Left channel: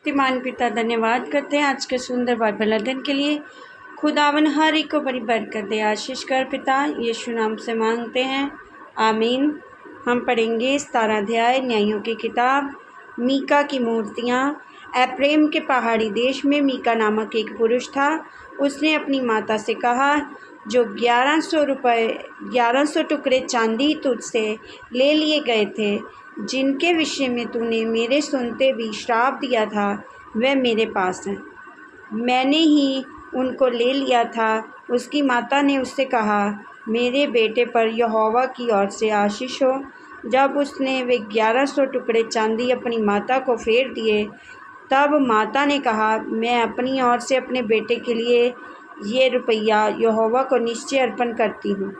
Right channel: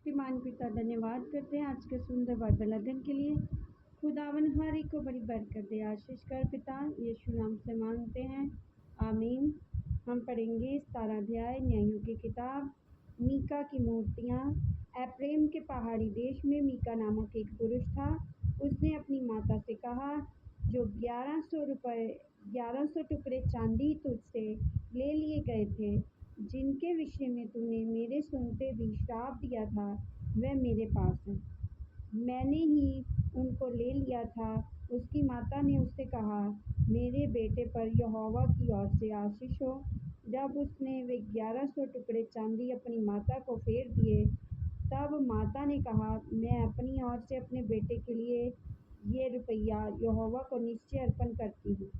शक्तिमान पिता धन्यवाद करते हैं आज के सुंदर बाइबल अध्ययन के लिए। खुदावन हर एक को बड़ी बरकत दे, आशीष कर पिता यीशु नाम से मांगते हैं, आमीन। हम पढ़ेंगे 17 अध्याय न्यायों की किताब। मीका की मूर्तियाँ। एफ्रेम के पहाड़ी देश में मीका नामक एक पुरुष था। उसने अपनी माता से कहा, जो 1100 टुकड़े चांदी तुझसे ले लिए गए थे, जिनके विषय में तूने मेरे सुनते भी श्राप दिया था, वह मेरे पास हैं। मैंने ही उनको ले लिया था। उसकी माता ने उससे कहा, मेरे बेटे पर यहोवा की ओर से आशीष हो। जब उसने वे 1100 टुकड़े चांदी अपनी माता को फेर दिए, तब माता ने कहा, मैं अपनी ओर से अपने बेटे के लिए ये रुपया यहोवा को निश्चय अर्पण करती हूँ,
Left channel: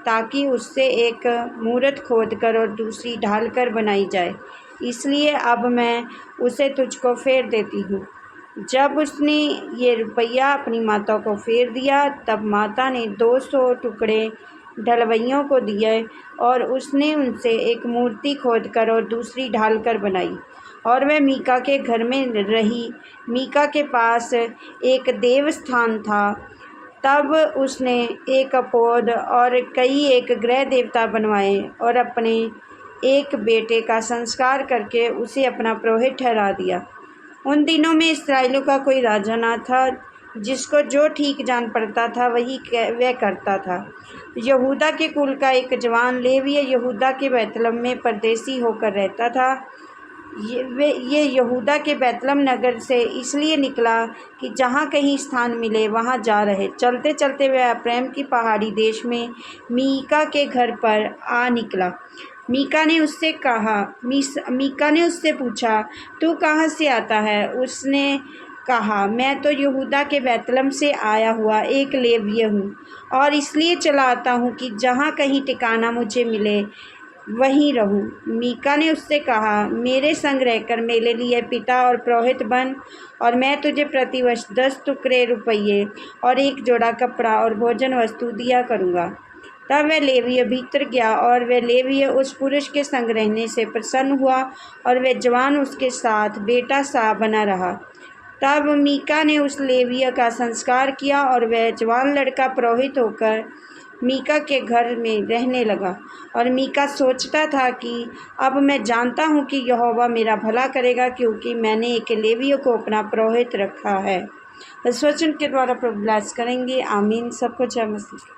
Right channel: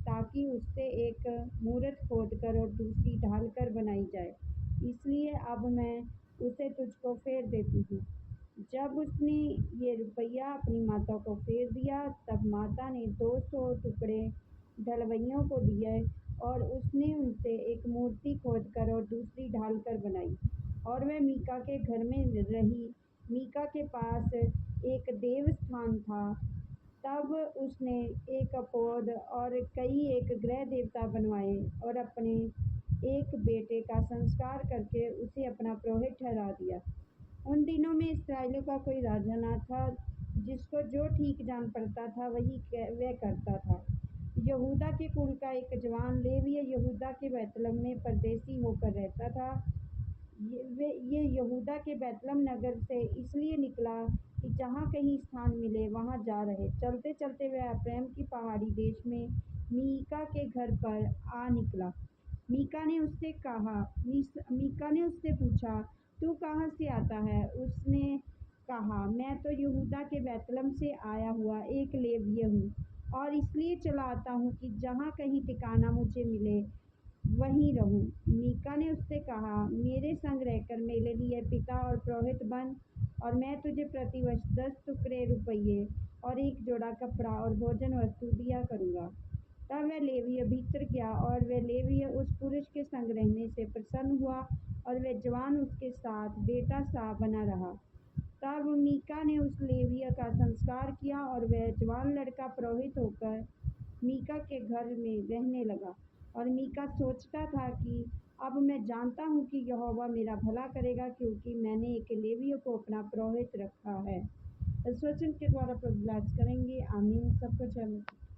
ताकि उससे एक मूरत खोद कर और दूसरी ढाल कर बनाई जाए। इसलिए अब मैं उसे तुझको फेर देती हूँ। जब उसने ये रुपया अपनी माता को फेर दिया, तब माता ने 200 टुकड़े ढलवइयों को दिए और उसने उनसे एक मूर्ति खोद कर और दूसरी ढाल कर बनाई, और वह मीका के घर में रही। मीका के पास एक देवस्थान था। तब उसने एक अपोद और एक ग्रह देवता बनवाए और अपने एक बेटे का संस्कार करके उसे अपना पुरोहित ठहरा दिया। उन दिनों में इस्राएलियों का कोई राजा न था। जिसको जो ठीक जान पड़ता था वही वह करता था। यहूदा के कुल का एक जवान लेवीय यहूदा के बैतलहम में परदेसी होकर रहता था। ये यहूदा के बैतलहम नगर से इसलिए निकला कि जहाँ कहीं स्थान मिले वहाँ जा रहे। चलते चलते वह एफ्रेम की पहाड़ी देश में मीका के घर पर आ निकला। मीका ने उससे पूछा, तू कहाँ से आता है? उसने कहा, मैं तो यहूदा के बैतलहम से आया हुआ एक लेवीय हूँ, और इसलिए चला आता हूँ कि जहाँ कहीं ठिकाना मुझे मिले वहीं रहूं। मीका ने उससे कहा, मेरे संग रहकर मेरे लिए पिता और पुरोहित बन, और मैं तुझे प्रतिवर्ष 10 टुकड़े रुपये और एक जोड़ा कपड़ा और भोजन वस्तु दिया करूँगा। तब वह लेवीय भीतर गया, और वह लेवीय उस पुरुष के संग रहने से प्रसन्न हुआ, और वह जवान उसके साथ बेटा सा बना रहा। तब मीका ने उस लेवीय का संस्कार किया, और वह जवान लड़का पुरोहित होकर मीका के घर में रहने लगा। और मीका सोचता था कि अब मैं जानता हूँ कि यहोवा मेरा भला करेगा, क्योंकि मैंने एक लेवीय को अपना पुरोहित रखा है। इस वचन के द्वारा प्रभु ब्लेस करेंगे, आमीन। सबको जय मसीह।